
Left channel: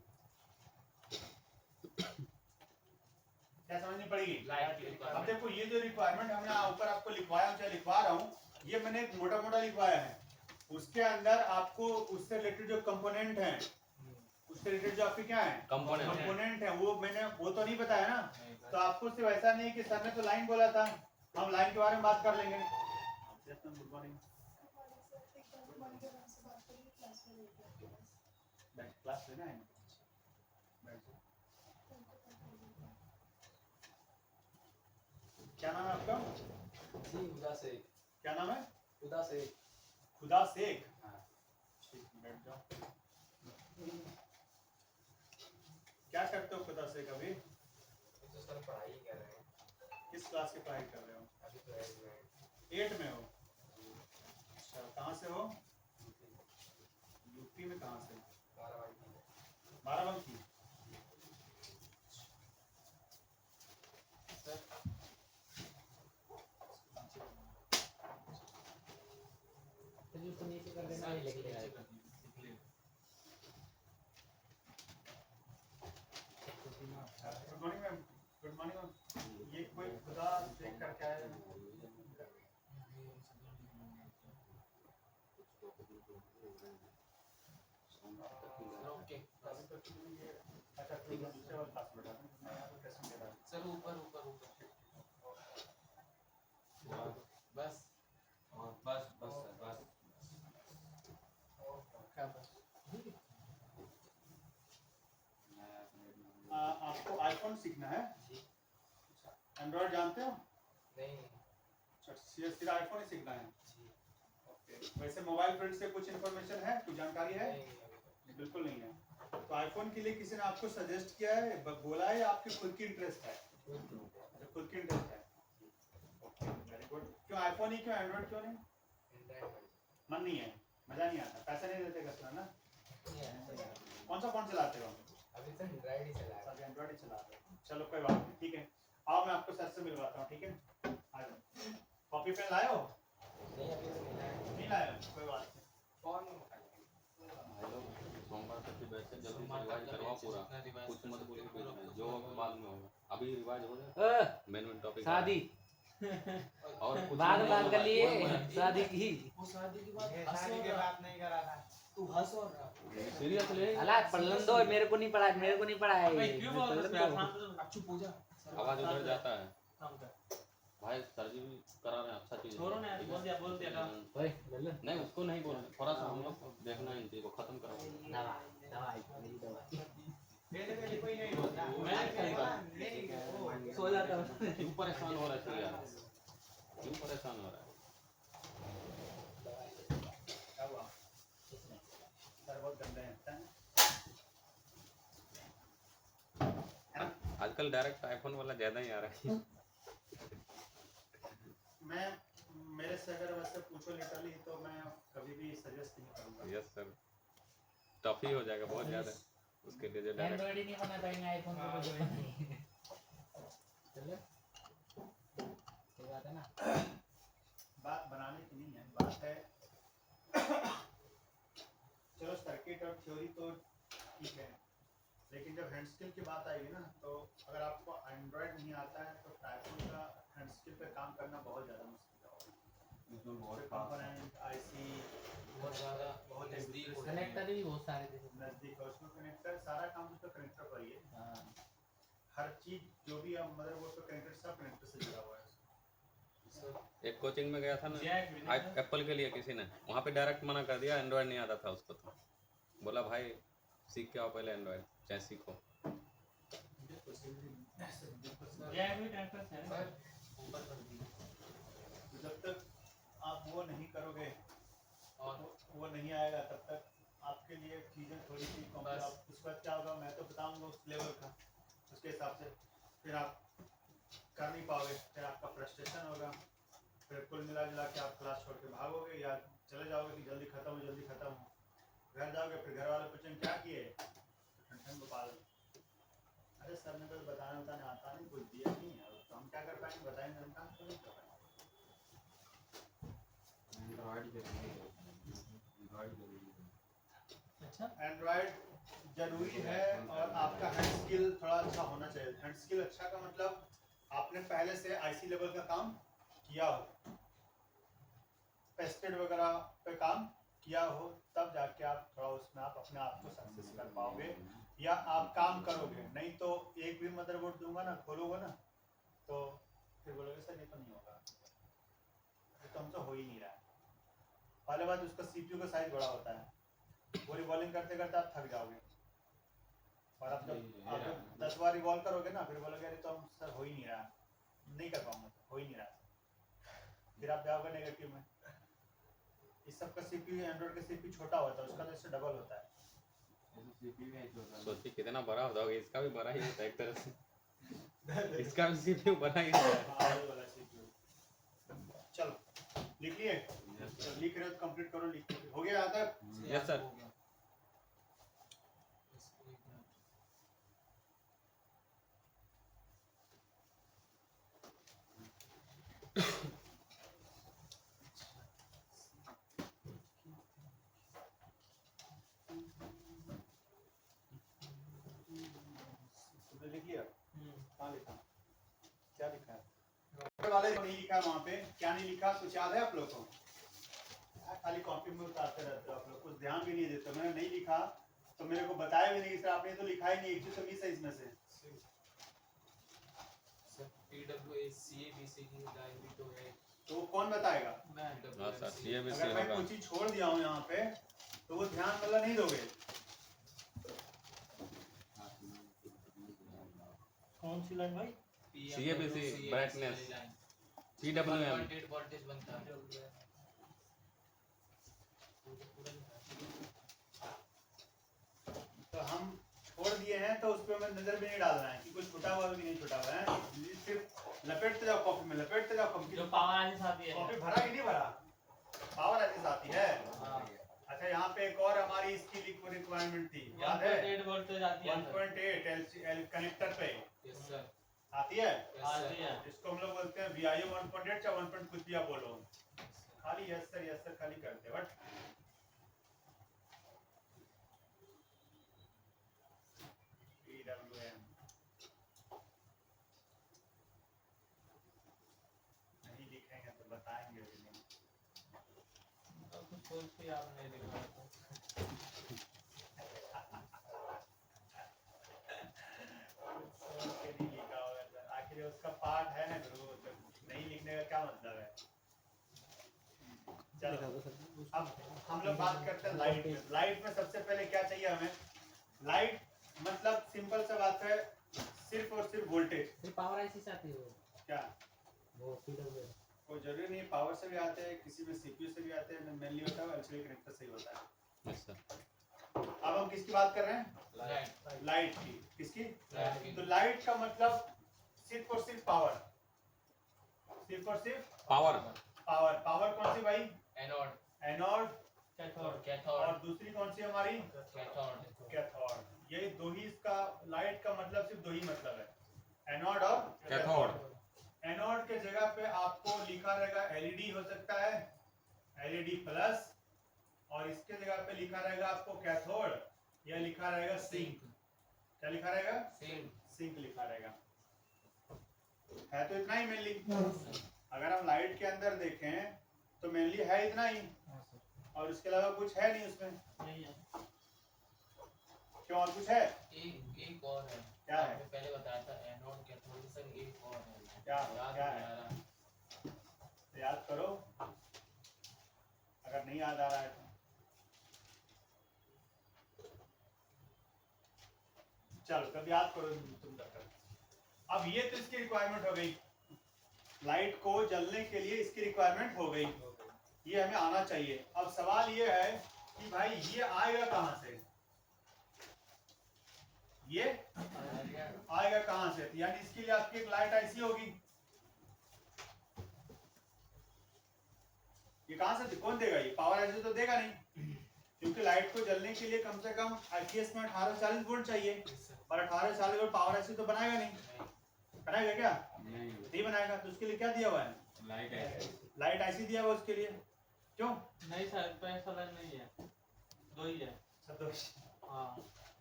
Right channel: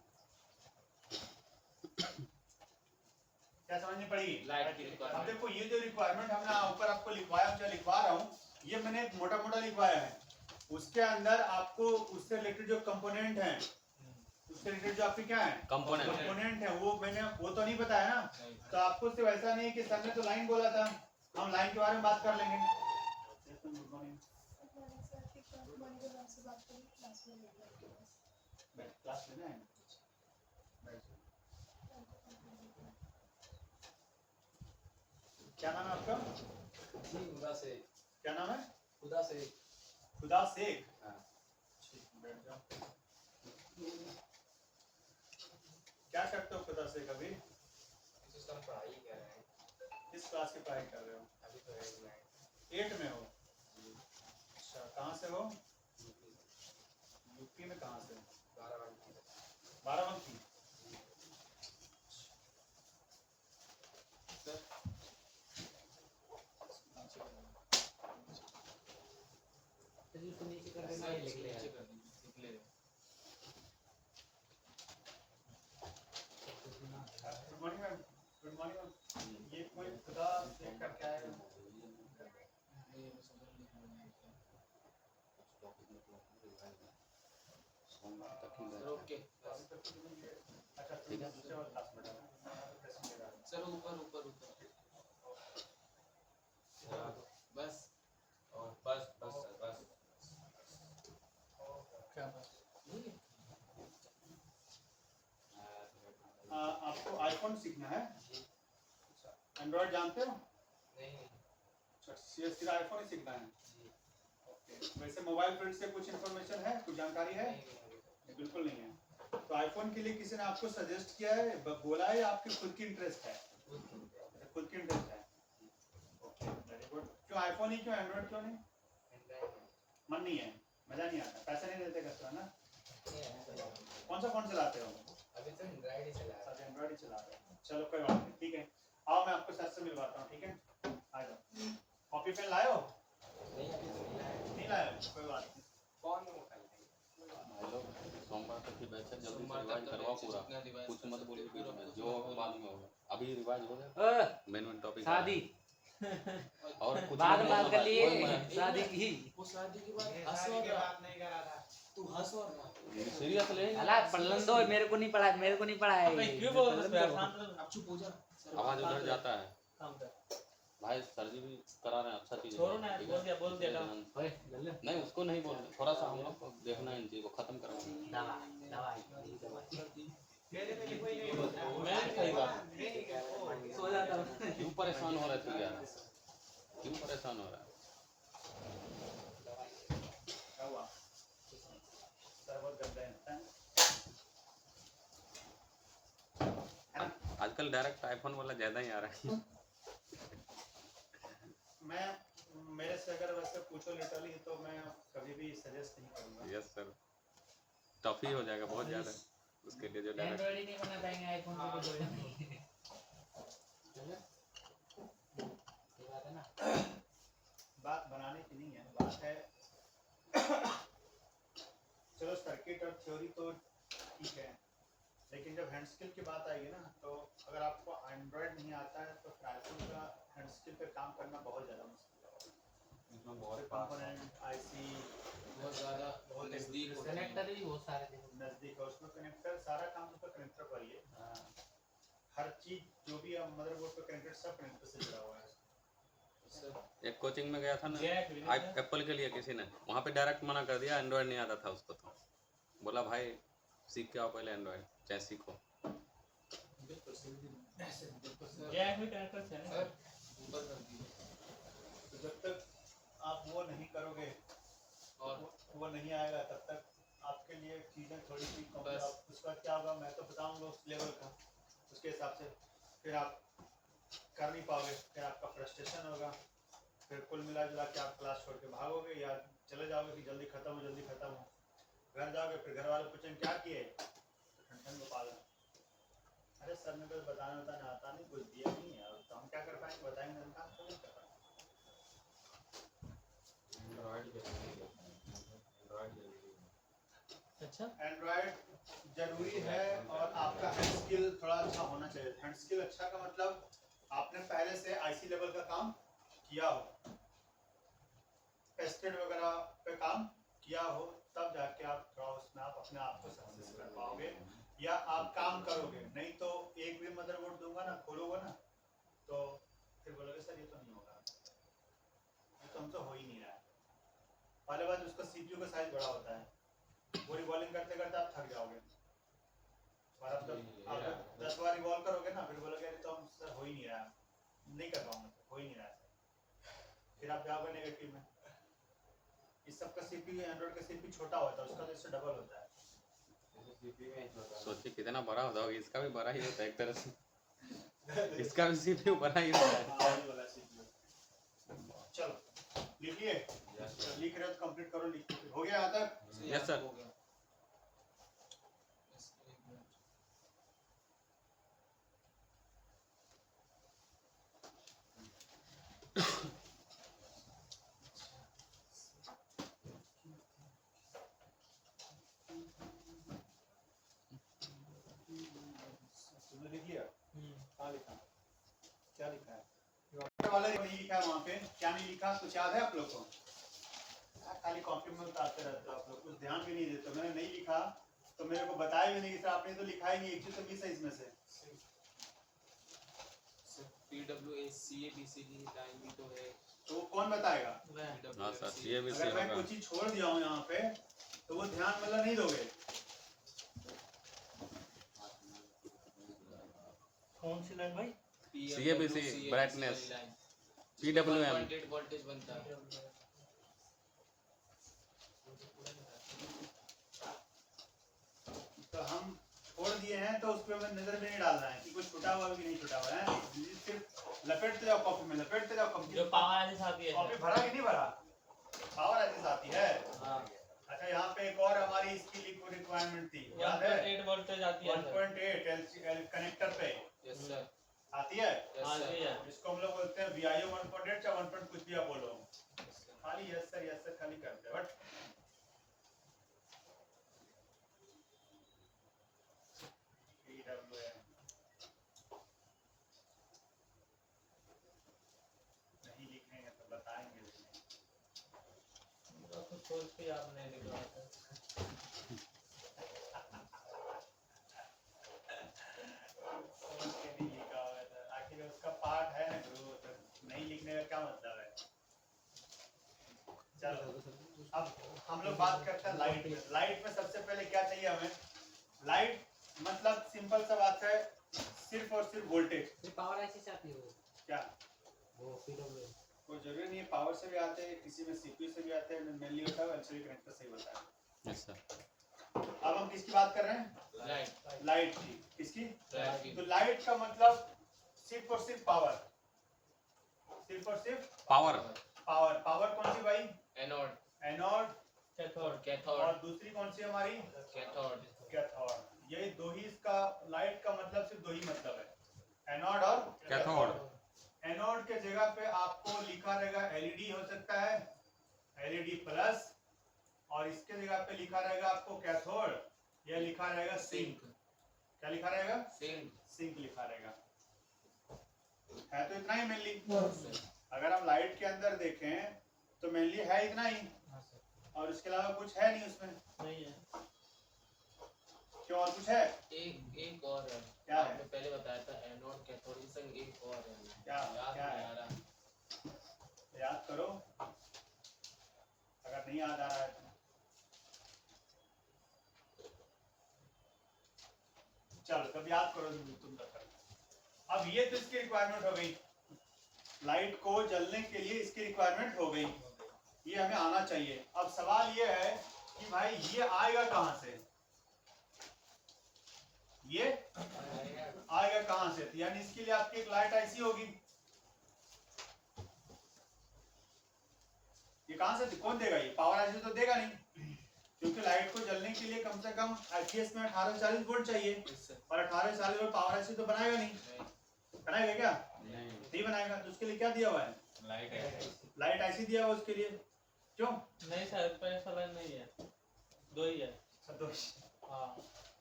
क्या समझनी पड़ेगी? लाइट की अब रिक्वायरमेंट। देखो ये जो रिक्वायरमेंट हमने ऊपर आपको लिखवाया हूँ, लिखवा रहा हूँ, ये मैंने एक मोटा मोटा लिखवाया है। उसके अंदर आपको उससे रिलेटेड जो कंपोनेंट हैं, उससे रिलेटेड जो आपके क्या है कंपोनेंट है, वो मैंने वो तो नहीं बताया ना। तो आपको सिर्फ ऐसा नहीं है कि सर ने तो लाइन बोला था, हम लाइन के बारे में बात कर लेंगे। Good morning. क्लास लेना है? क्या नाम है आपका? जी खुदा से। क्या नाम है? खुदा से। खुदा शेख। ठीक, बैठ जाओ। क्या करते हो खुदा शेख अभी? सर पढ़ाई कर रहे हैं। किस क्लास की पढ़ाई कर रहे हो? अभी तो 8 में हो? अच्छा, कहाँ से हो? यूपी में कहाँ से? बाराबंकी। तो नीचे कर देना, ये लिख लेगा। Good morning ma'am. Good morning ma'am. ये कोई खुदा शेख करके आया है? ओके अच्छा, ठीक है, दूसरे वाले क्लास में बैठा हूँ। मैं यहाँ पे टेस्ट ले रहा हूँ। सर ऊपर ऊपर ऊपर बस और बस बस सर बस क्या बस आपको आईफोन सीखना है? एंड्रॉइड जानते हो? नहीं अच्छा, सिर्फ आईफोन ही सीखना है? ओके। वैसे मोबाइल फील्ड से कुछ इन्फॉर्मेशन है, कुछ जानकारी है? बिल्कुल नहीं है। तो आईफोन के लिए किसी ने आपको सजेस्ट किया है, बोला है, या आपकी खुद की इंटरेस्ट है? खुद की इंटरेस्ट है। Okay, very good. क्यों आईफोन ही, क्यों एंड्रॉइड क्यों नहीं? मन नहीं है, मजा नहीं आता, पैसे नहीं देते कस्टमर ना। कौन सा फोन चलाते हो? अभी तो एंड्रॉइड ही चला रहा सब एंड्रॉइड ही चला रहे हो। चलो कोई बात नहीं, ठीक है। आओ मैं आपको सर से मिलवाता हूँ, ठीक है? आ जाओ। कॉपी पेन लाए हो? नहीं अभी तो नहीं लाया। नहीं लाए हो? कोई बात नहीं। कौन सोमवार तक की बैच है, जल्दी से रिवाइज करवाओ पूरा, कुछ मत बोलो बीच में, जो बाद में होगा। अभी रिवाइज हो गया, मेन टॉपिक शादी और कुछ बाद नहीं बात होगा। कर लिए शादी की। वो शादी के बाद नहीं करा था। तू हंस हो रहा। सीरियस ले अला पढ़लन दो, मेरे को नहीं पढ़ा, मेरे को नहीं पढ़ा है। भाई क्यों बोल रहे हो? अब चुप हो जा। आवाज उधर जाता है। काम कर। भाई सर जी भी करा रहे हैं, अच्छा चीज है। छोड़ो ना, बोल दिया ना। ओए लल्ले नहीं उसको नहीं बोल रहे, थोड़ा सा हम लोग को देखना है, इन चीज को खत्म करना दवाई दवाई मैं सही बात। सो जाता हूँ। है। क्यों परेशान हो रहे थे यार, क्यों परेशान हो रहा है? क्या हुआ? सर बहुत गंदे हैं। आजकल डायरेक्ट आईफोन वाला ज्यादा ही आ रहा है। मैं मेरे से अगर वैसे पूछो लिटरली, तो मैं कभी भी सजेस्ट नहीं करूंगा। यस सर, टफ ही हो जाएगा बहुत ज्यादा उसके लिए, जो डायरेक्ट एंड्रॉइड ही नहीं बना पाएंगे, आईफोन पे कुछ नहीं। ये बात है ना। बात बनाने की नहीं है, बात है चलो सर्किट और थ्योरी तो ठीक है, लेकिन जब हैंड स्किल की बात आएगी ना, तो अगर आपको एंड्रॉइड नहीं आता है तो आईफोन का हैंड स्किल पे काम करना बहुत ज़्यादा मुश्किल है। इसमें बहुत कंपोनेंट आईसी बहुत ज्यादा बहुत नजदीक कनेक्टर भी बहुत सारे थे। नज़दीक है, उसमें कनेक्टर सारा काम उसका कनेक्टर पर ही है। हाँ। हर चीज़ जो भी है मदरबोर्ड पे कनेक्टेड, सब कनेक्टर से जुड़ा हुआ है। एक कोचिंग में गया था ना जय एप्पल के लिए, किसी ने वहाँ पे डायरेक्ट मना कर दिया, एंड्रॉइड नहीं आता था उसको, तो बोला भाई सीख के आओ पहले एंड्रॉइड, चाहे सीखो। जय में कनेक्टर से है। ऊपर कर दी। तो जब तक आप वो नहीं करोगे और वो नहीं आएगा, तब तक आपके लिए चीज़ें थोड़ी सी बस। उसके बाद क्या होगा मैं तो बताऊंगा उस लेवल का, उसके हिसाब से फिर आप कर नहीं पाओगे, फिर आपका फ्रस्ट्रेशन होगा, फिर कुल मिला जुला के आप क्लास छोड़ के भागोगे या चले जाओगे कि जल्दी खत्म हो। घर जाओगे, फिर घर वाले पूछेंगे क्या किए, तो ठंड गोपाल, अरे सर ने कुछ बताने आता नहीं, कुछ दिया नहीं है, तो हम क्या कर पाएंगे, बताएंगे हम काम तो नहीं कर पाएंगे। अच्छा एंड्रॉइड जरूरी है और आपका हैंड स्किल थोड़ा अच्छा होना चाहिए। हैंड स्किल अच्छा का मतलब आपने पहले से आईसी लेवल का काम किया हो, पेस्टेड वगैरह पे काम किया हो, तब जाके आप थोड़ा उसमें आप अपने आप को सक्सेस कर पाओगे या आप काम करोगे। नहीं तो एक भी मदरबोर्ड दूंगा ना, खोलोगे ना, तो फिर बोलोगे सर ये तो नहीं होगा, ये तो हमसे हो ही नहीं रहा है। पहले बात उसका सीपीयू का साइज बड़ा होता है, वो रिवॉल्विंग करते करते आप थक जाओगे और आप जब 10 बार रिवॉल्व करोगे ना, फिर बोलोगे अरे तो हम सर हो ही नहीं रहा, नहीं कर पाऊंगा, हो ही नहीं रहा, फिर आप जाओगे नेगेटिव में। इस सब का सीपीयू एंड्रॉइड का सीपीयू छोटा होता है, उसका तो इससे डबल होता है। सोचिए कितना बड़ा होता होगा, इसका भी बड़ा ही होता है एक तरह से। इसका भी सीपीयू बड़ा ही होता है। हाँ, ये वाला CPU। चलो लिख लिए, लिख रहे हो तो कंप्लीट करो, लिख हो गया यहाँ तक? Yes sir. तुमने लिख लिया? हाँ लिखा। क्या लिखा है? वाले नहीं लिखा है वहाँ पे, क्या नहीं लिखा कुछ याद है आप लोग को? खाली कॉपी में उतारते रहते हो आप लोग, कुछ ध्यान भी नहीं देते। मैंने नहीं लिखा तो मेरे को बताया भी नहीं कि सर आपने तो लिखा ही नहीं, एक चीज तो मिस है इसमें से। PWACABC की लाइन भी तो है, तो कौन बताएगा? हाँ सर, ये भी अगर मैं होगा। कुछ चीज छोड़ दिया हूँ यहाँ पे तो वो ध्यान मतलब नहीं दोगे। कौन सी लाइन भाई? CABC ब्राइटनेस, PWM 1.8 वोल्टेज बनता है। तो हम छोड़ दिए हैं तो उस पर हमें नजर भी नहीं डालना है कि कुछ छूटा हुआ है कि नहीं छूटा हुआ है। सिर्फ लपेटते जाओ कॉपी में, लपेटते जाओ कॉपी। जो पावर आने से आती है। कॉपी भरा कि नहीं भरा? पावर ऐसे आती है। हाँ। अच्छा यहाँ पे एक और हमारी इसकी रिक्वायरमेंट थी, याद है? 1.8 वोल्टेज आती है। 1.8 एल कनेक्टर पे यस सर, आती है। यस आती है। इसको हम लोग बोलते हैं VIO 1.8 या 1. कुछ भी आप बोलो, खाली यस सर खाली करते हैं। बट PWM नहीं लिखेंगे तो बताएंगे भी नहीं। तो सोच के आप नहीं लिख रहा था। सोच के नहीं लिखा होगा सर, आखिर उसका पार्ट है ना गुरु, तो नहीं लिखने का क्या मतलब है? चलो अब हम लोग बात करते हैं लाइट में। लाइट में सबसे पहले क्या चाहिए हमें? लाइट मतलब सिंपल सा बात है, सिर्फ और सिर्फ वोल्टेज। सिर्फ पावर ऐसी से आती है वो क्या PWM। कोई जरूरी नहीं है पावर से भी आते हैं, किसी में सीपीयू से भी आते हैं, मेनली होता है एलसीडी कनेक्टर से ही होता है। Yes sir. अब हम किसकी बात कर रहे हैं? लाइट लाइट की। किसकी? लाइट की। तो लाइट का मतलब सिर्फ और सिर्फ पावर, सिर्फ और सिर्फ पावर। पावर। पावर कौन सी भाई? Anode, anode. कैथोड। कैथोड, और दूसरी कौन सी हमारी? कैथोड। कैथोड। यही दो ही, इसका लाइट का मतलब सिर्फ दो ही मतलब है, एनोड और कैथोड। एनोड के जगह पे आपको लिखा रहेगा एलईडी हो सकता है, एलईडी प्लस, और इसके जगह पे लिखा रहेगा आपको कैथोड, या लिखा रहेगा सिंक। क्या लिखा रहेगा? सिंक। सिंक लिखा रहेगा। है तो इतना ही मेनली। अगर हम लाइट के अंदर देखें तो मेनली है इतना ही, हाँ सर। और उसके अलावा कुछ है नहीं उसमें। नहीं है। क्यों, और कुछ है? एक और है, क्या है? आपने पहले बताया था एनोड कैथोड के संग एक और है। क्या याद क्या नहीं है? आ रहा। तो याद करो, अगर नहीं याद आ रहा है तो। चलो तब याद करो तुम तक। अब ये तो इसकी रिक्वायरमेंट हो गई, लाइट को जलने के लिए इसकी रिक्वायरमेंट हो गई, ये हमें आना चाहिए। अब सवाल ये है कि भाई ये आएगा कहाँ से? ये आएगा कहाँ से? यानी इसके लिए आपकी एक लाइट ऐसी होगी, ये कहाँ से, कौन देगा? ये पावर ऐसी तो देगा नहीं, क्योंकि लाइट को जलने के लिए कम से कम IPS में 1840 वोल्ट चाहिए, और 1840 वोल्ट पावर ऐसी तो बनाएगा नहीं। बनाएगा क्या? नहीं बनाएगा। तो उसके लिए क्या दिया हुआ है? लाइट ऐसी दिया हुआ उसके लिए। क्यों? नहीं सर, पैसा लाइन नहीं है, दो ही है। तो हाँ।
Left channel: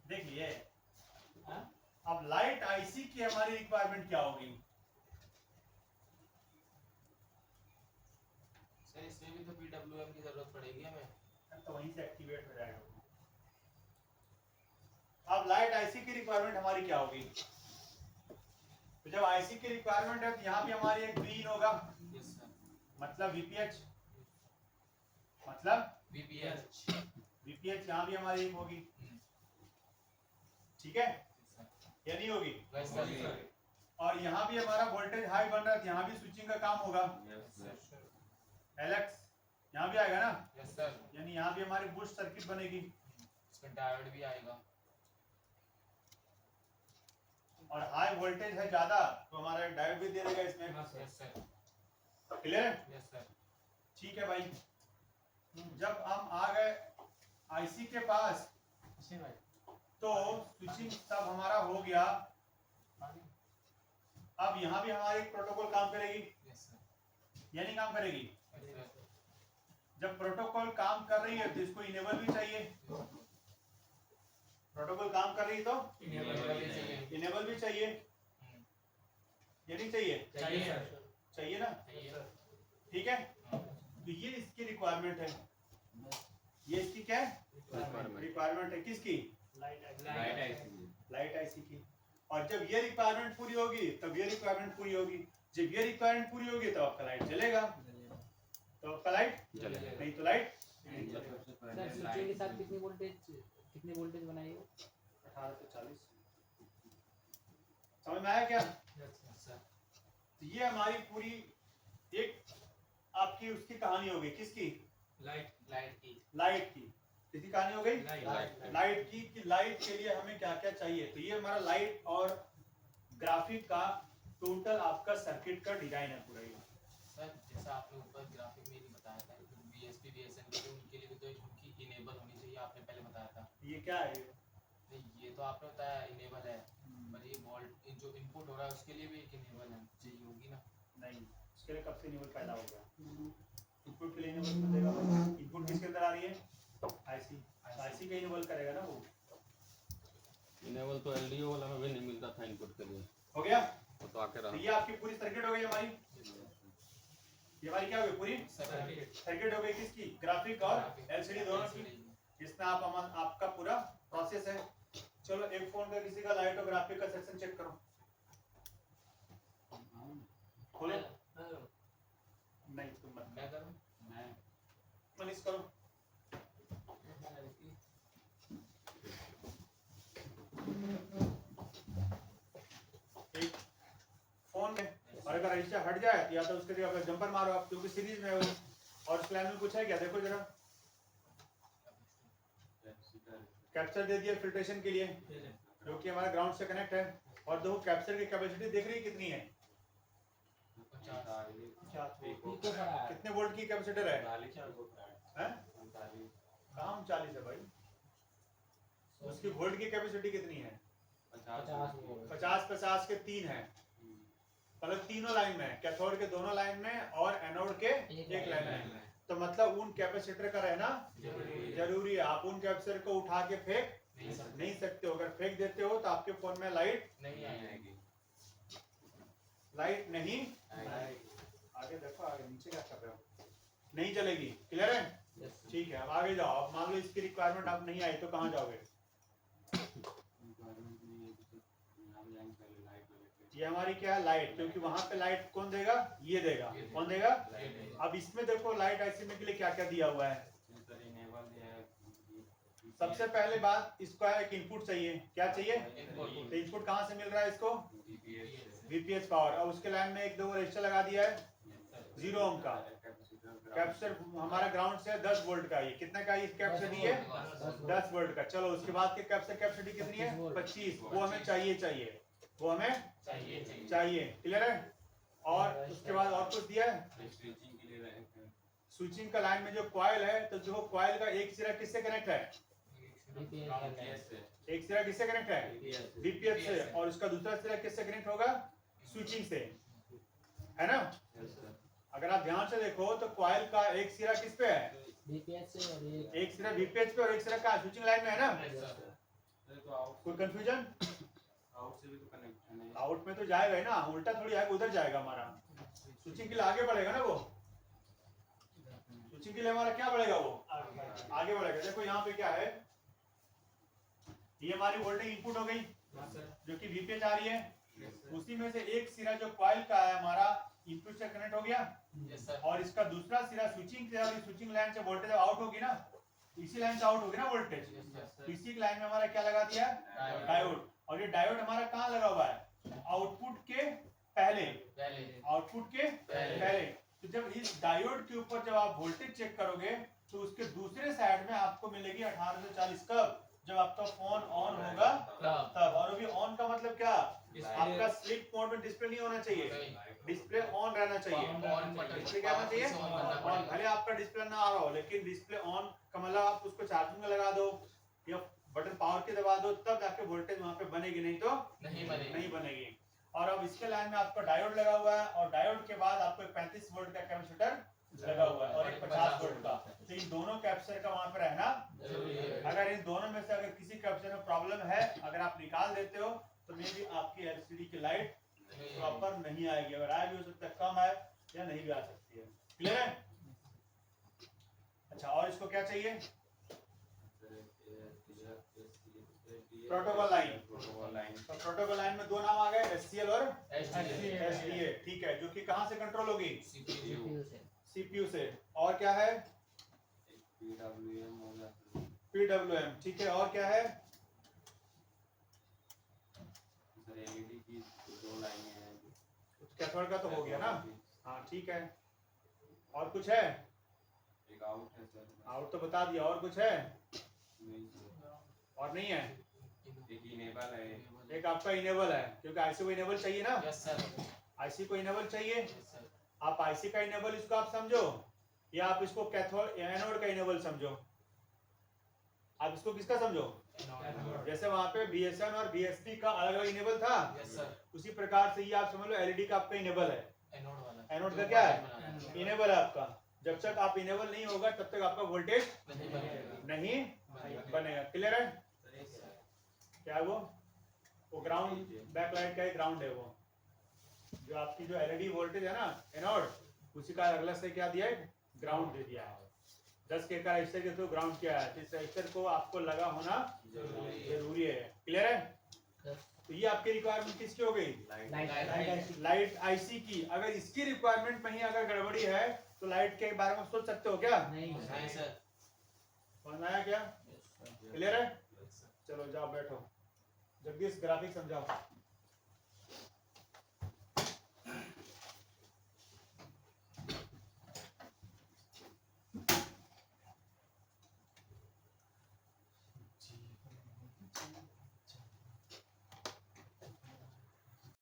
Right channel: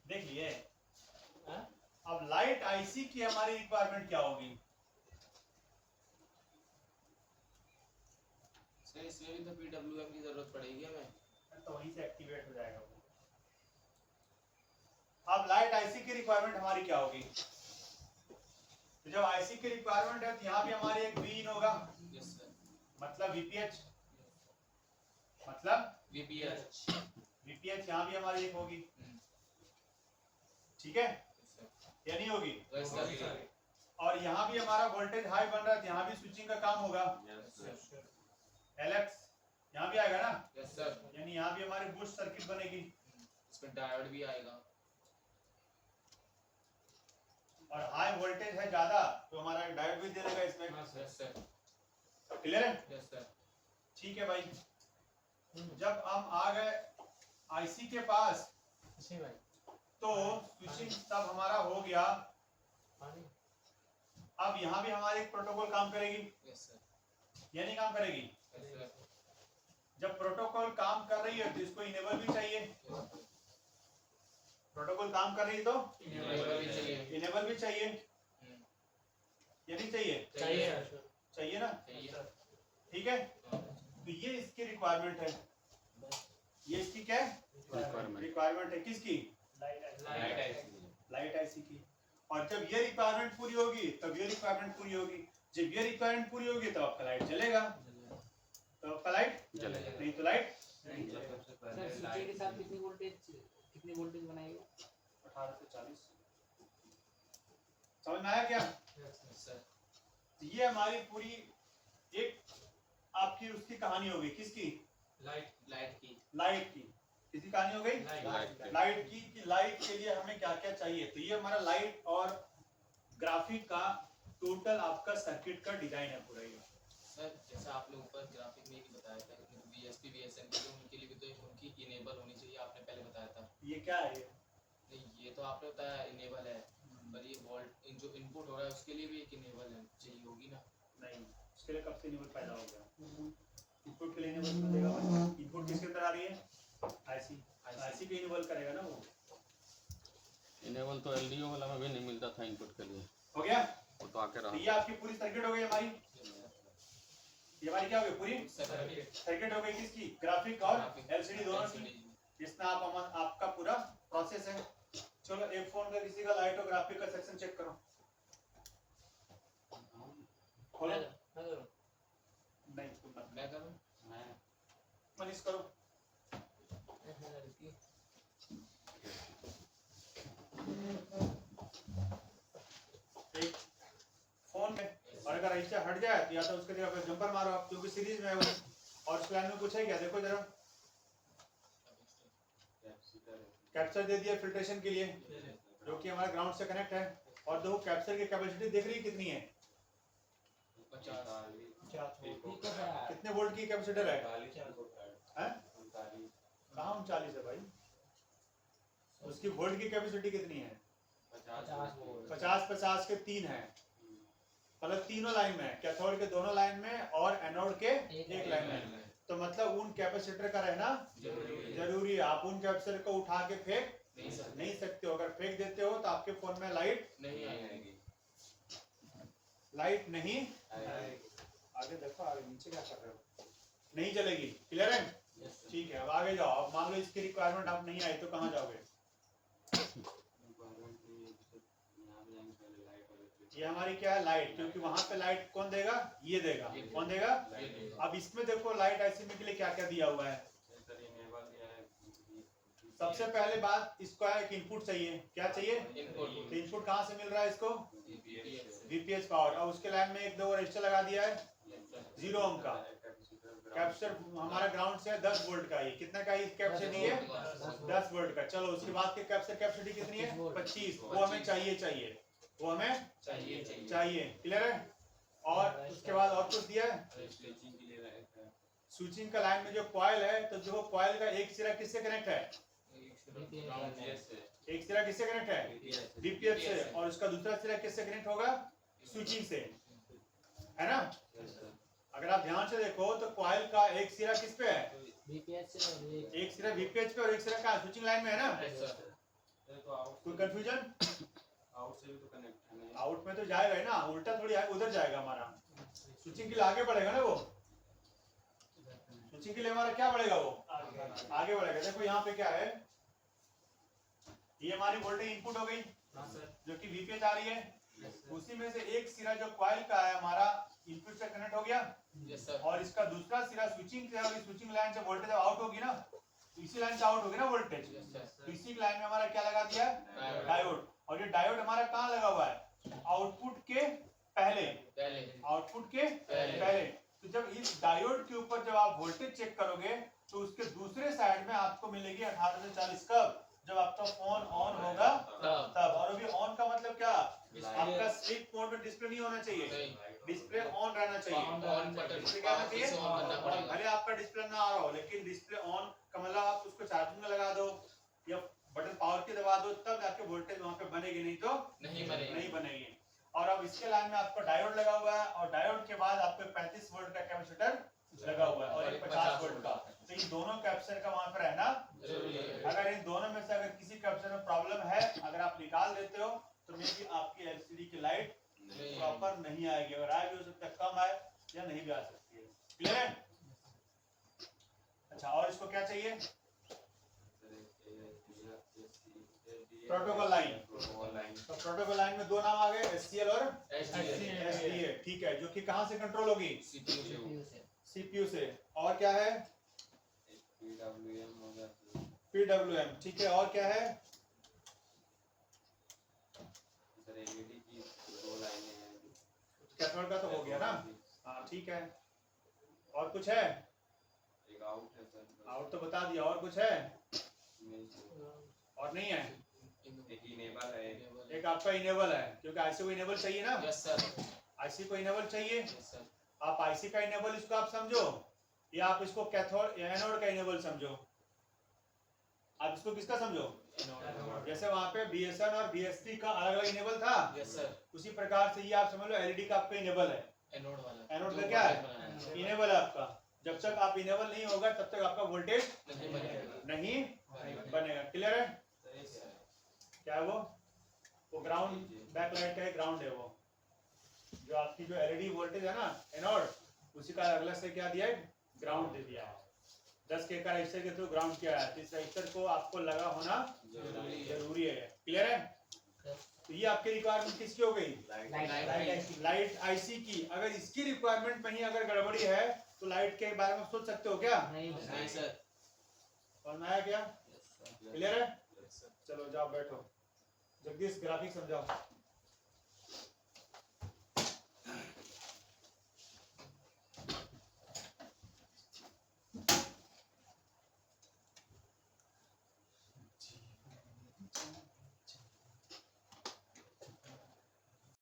देख लिए। हाँ? अब लाइट आईसी की हमारी रिक्वायरमेंट क्या होगी? सर इसमें भी तो पीडब्ल्यूएम की जरूरत पड़ेगी हमें। तो वहीं से एक्टिवेट हो जाएगा वो। अब लाइट आईसी की रिक्वायरमेंट हमारी क्या होगी? तो जब आईसी की रिक्वायरमेंट है तो यहाँ भी हमारी एक वीन होगा, यस सर। मतलब वीपीएच, मतलब वीपीएच। वीपीएच यहाँ भी हमारी एक होगी, हम्म। ठीक है, सर। या नहीं होगी? Yes sir. और यहाँ भी हमारा वोल्टेज हाई बन रहा है तो यहाँ भी स्विचिंग का काम होगा, एलेक्स यहाँ भी आएगा ना, यस सर। यानी यहाँ भी हमारी बूस्ट सर्किट बनेगी इसमें डायोड भी आएगा। और हाई वोल्टेज है ज्यादा तो हमारा एक डायोड भी दे देगा इसमें। Yes sir. क्लियर है? Yes sir. ठीक है भाई। जब हम आ गए आईसी के पास इसी भाई तो स्विचिंग सब हमारा हो गया। पानी अब यहाँ भी हमारी एक प्रोटोकॉल काम करेगी, यस सर। या नहीं काम करेगी? Yes sir. जब प्रोटोकॉल काम कर रही है तो इसको इनेबल भी चाहिए। प्रोटोकॉल काम कर रही है तो इनेबल भी चाहिए। इनेबल भी चाहिए, या नहीं चाहिए? चाहिए। चाहिए ना? चाहिए। ठीक है, तो ये इसकी रिक्वायरमेंट है। ये इसकी क्या है? रिक्वायरमेंट है किसकी? लाइट आईसी की। और जब ये रिक्वायरमेंट पूरी होगी तब ये रिक्वायरमेंट पूरी होगी। जब ये रिक्वायरमेंट पूरी होगी तो आपका लाइट चलेगा, तो आपका लाइट चलेगा। नहीं तो लाइट सर स्विचिंग के साथ कितने वोल्टेज बनाएगा? 18 से 40। समझ में आया क्या? सर। तो ये हमारी पूरी एक आपकी उसकी कहानी हो गई। किसकी? लाइट की। लाइट की। किसकी कहानी हो गई? लाइट की। कि लाइट के लिए हमें क्या क्या चाहिए। तो ये हमारा लाइट और ग्राफिक का टोटल आपका सर्किट का डिजाइन है पूरा ये। सर जैसा आपने ऊपर ग्राफिक में ही बताया था कि बीएसपी बीएसएन के लिए उनके लिए भी तो उनकी इनेबल होनी चाहिए, आपने पहले बताया था। ये क्या है? नहीं ये तो आपने बताया इनेबल है, पर ये वोल्ट जो इनपुट हो रहा है उसके लिए भी एक इनेबल है चाहिए होगी ना? नहीं, उसके लिए कब से इनेबल पैदा हो गया? इनपुट के लिए इनेबल क्यों देगा? इनपुट किसके अंदर आ रही है? आईसी। आईसी के इनेबल करेगा ना वो। इनेबल तो एलडीओ वाला में भी नहीं मिलता था इनपुट के लिए, हो गया? वो तो आके तो रहा। ये आपकी पूरी सर्किट हो गई हमारी। ये हमारी क्या हो गई? पूरी सर्किट हो गई किसकी? ग्राफिक और एलसीडी दोनों की। इसमें आपका पूरा प्रोसेस है। चलो एक फोन का किसी का लाइट और ग्राफिक का सेक्शन चेक करो। खोलो। नहीं तुम मत, मैं करूं? मनीष करो। एक फोन है और अगर ऐसा हट जाए तो या तो उसके लिए अगर जंपर मारो आप, क्योंकि सीरीज में है वो। और उस लाइन में कुछ है क्या? देखो जरा, कैप्चर दे दिया फिल्ट्रेशन के लिए, जो कि हमारा ग्राउंड से कनेक्ट है। और देखो कैप्चर की कैपेसिटी देख रही है कितनी है? 50। कितने वोल्ट की कैपेसिटर है? हैं? कहाँ 39 है भाई? उसकी वोल्ट की कैपेसिटी कितनी है? 50 के 3 है। अगर तीनों लाइन में, कैथोड के दोनों लाइन में और एनोड के एक लाइन में, तो मतलब उन कैपेसिटर का रहना जरूरी है। आप उन कैपेसिटर को उठा के फेंक नहीं सकते हो। अगर फेंक देते हो तो आपके फोन में लाइट नहीं आएगी। लाइट नहीं आगे देखो, आगे नीचे क्या कर रहे हो? नहीं चलेगी। क्लियर है? ठीक है, अब आगे जाओ। अब मान लो इसकी रिक्वायरमेंट आप नहीं आई तो कहाँ जाओगे? ये हमारी क्या है? लाइट। क्योंकि वहां पे लाइट कौन देगा? ये देगा। कौन देगा? अब इसमें देखो लाइट आईसी में के लिए क्या क्या दिया हुआ है। सबसे पहले बात इसको है कि इनपुट चाहिए। क्या चाहिए? इनपुट। तो इनपुट कहाँ से मिल रहा है इसको? VPH power. अब उसके लाइन में एक दो रजिस्टर लगा दिया है 0 ओम का। कैपेसिटर हमारा ग्राउंड से 10 वोल्ट का। ये कितना का कैपेसिटी है? 10 वोल्ट का। चलो उसके बाद के कैपेसिटी कितनी है? 25। वो हमें चाहिए। वो हमें चाहिए। क्लियर है? और उसके बाद और कुछ दिया है? स्विचिंग का लाइन में जो कॉइल है, तो जो कॉइल का एक सिरा किससे कनेक्ट है? एक सिरा किससे कनेक्ट है? वीपीएच से। और उसका दूसरा सिरा किससे कनेक्ट होगा? स्विचिंग से, है ना? अगर आप ध्यान से देखो तो कॉइल का एक सिरा किस पे है? वीपीएच से और एक सिरा वीपीएच पे और एक सिरा का स्विचिंग लाइन में है ना? कोई कंफ्यूजन? आउट से भी तो कनेक्ट है नहीं। आउट में तो जाएगा ही ना, उल्टा थोड़ी आएगा, उधर जाएगा हमारा। स्विचिंग के लिए आगे बढ़ेगा ना वो, स्विचिंग के लिए हमारा क्या बढ़ेगा वो, आगे बढ़ेगा। देखो यहाँ पे क्या है, ये हमारी वोल्टेज इनपुट हो गई जो कि वीपीएच आ रही है। उसी में से एक सिरा जो कॉइल का है हमारा इनपुट से कनेक्ट हो गया, यस सर, और इसका दूसरा सिरा स्विचिंग से, और स्विचिंग लाइन से वोल्टेज आउट होगी ना, तो इसी लाइन से आउट होगी ना वोल्टेज। तो इसी लाइन में हमारा क्या लगा दिया, डायोड। और ये डायोड हमारा कहाँ लगा हुआ है, आउटपुट के पहले, आउटपुट के पहले। तो जब इस डायोड के ऊपर जब आप वोल्टेज चेक करोगे तो उसके दूसरे साइड में आपको मिलेगी 1840 कब, जब आपका फोन ऑन होगा तब। और अभी ऑन का मतलब क्या, आपका स्लीप मोड में डिस्प्ले नहीं होना चाहिए, डिस्प्ले ऑन रहना चाहिए। डिस्प्ले क्या होना चाहिए, ऑन। भले आपका डिस्प्ले ना आ रहा हो, लेकिन डिस्प्ले ऑन का मतलब आप उसको चार्जिंग में लगा दो या बटन पावर के दबा दो, तब जाके वोल्टेज वहां पे बनेगी, नहीं तो नहीं बनेगी। और अब इसके लाइन में आपका डायोड लगा हुआ है, और डायोड के बाद आपको 35 वोल्ट का कैपेसिटर लगा हुआ है और एक 50 वोल्ट का। तो इन दोनों कैपेसिटर का वहां पर रहना जरूरी है। अगर इन दोनों में से अगर किसी कैपेसिटर में प्रॉब्लम है, अगर आप निकाल देते हो तो मे भी आपकी एलसीडी की लाइट प्रॉपर नहीं आएगी, और आ भी हो सकता है, कम है या नहीं भी आ सकती है। क्लियर है? अच्छा, और इसको क्या चाहिए, प्रोटोकॉल लाइन। तो प्रोटोकॉल लाइन में दो नाम आ गए, एससीएल और एसडीए। ठीक है, जो कि कहां से कंट्रोल होगी, सीपीयू से। और क्या है, पीडब्ल्यूएम। ठीक है, और क्या है, एलईडी की 2 लाइनें हैं। कैथोड का तो हो गया ना, हाँ ठीक है। और कुछ है, एक आउट है सर, आउट तो बता दिया। और कुछ है, नहीं सर। और नहीं है। एक इनेबल है, एक आपका इनेबल है, क्योंकि आईसी को इनेबल चाहिए ना, यस सर, आईसी को इनेबल चाहिए। यस सर, आप आईसी का इनेबल इसको आप समझो, या आप इसको कैथोड या एनोड का इनेबल समझो। आप इसको किसका समझो, जैसे वहां पे बीएसएन और बीएसपी का अलग अलग इनेबल था, यस सर, उसी प्रकार से ये आप समझ लो एलईडी का आपका इनेबल है। एनोड वाला, एनोड का क्या है, इनेबल है आपका। जब तक आप इनेबल नहीं होगा तब तक आपका वोल्टेज नहीं बनेगा। क्लियर है? क्या है वो ग्राउंड, बैकलाइट का एक ग्राउंड है, वो जो आपकी जो एलईडी वोल्टेज है ना एनोड, उसी का अगला से क्या दिया है, ग्राउंड दे दिया है। 10 के का रजिस्टर के थ्रू ग्राउंड किया है, तो इस रजिस्टर को आपको लगा होना जरूरी है। क्लियर है? तो ये आपकी रिक्वायरमेंट किसकी हो गई, लाइट आईसी की। अगर इसकी रिक्वायरमेंट में ही अगर गड़बड़ी है तो लाइट के बारे में सोच सकते हो क्या, नहीं सर, समझ में आया क्या? क्लियर है? चलो जाओ बैठो, जगदीश ग्राफिक समझाओ।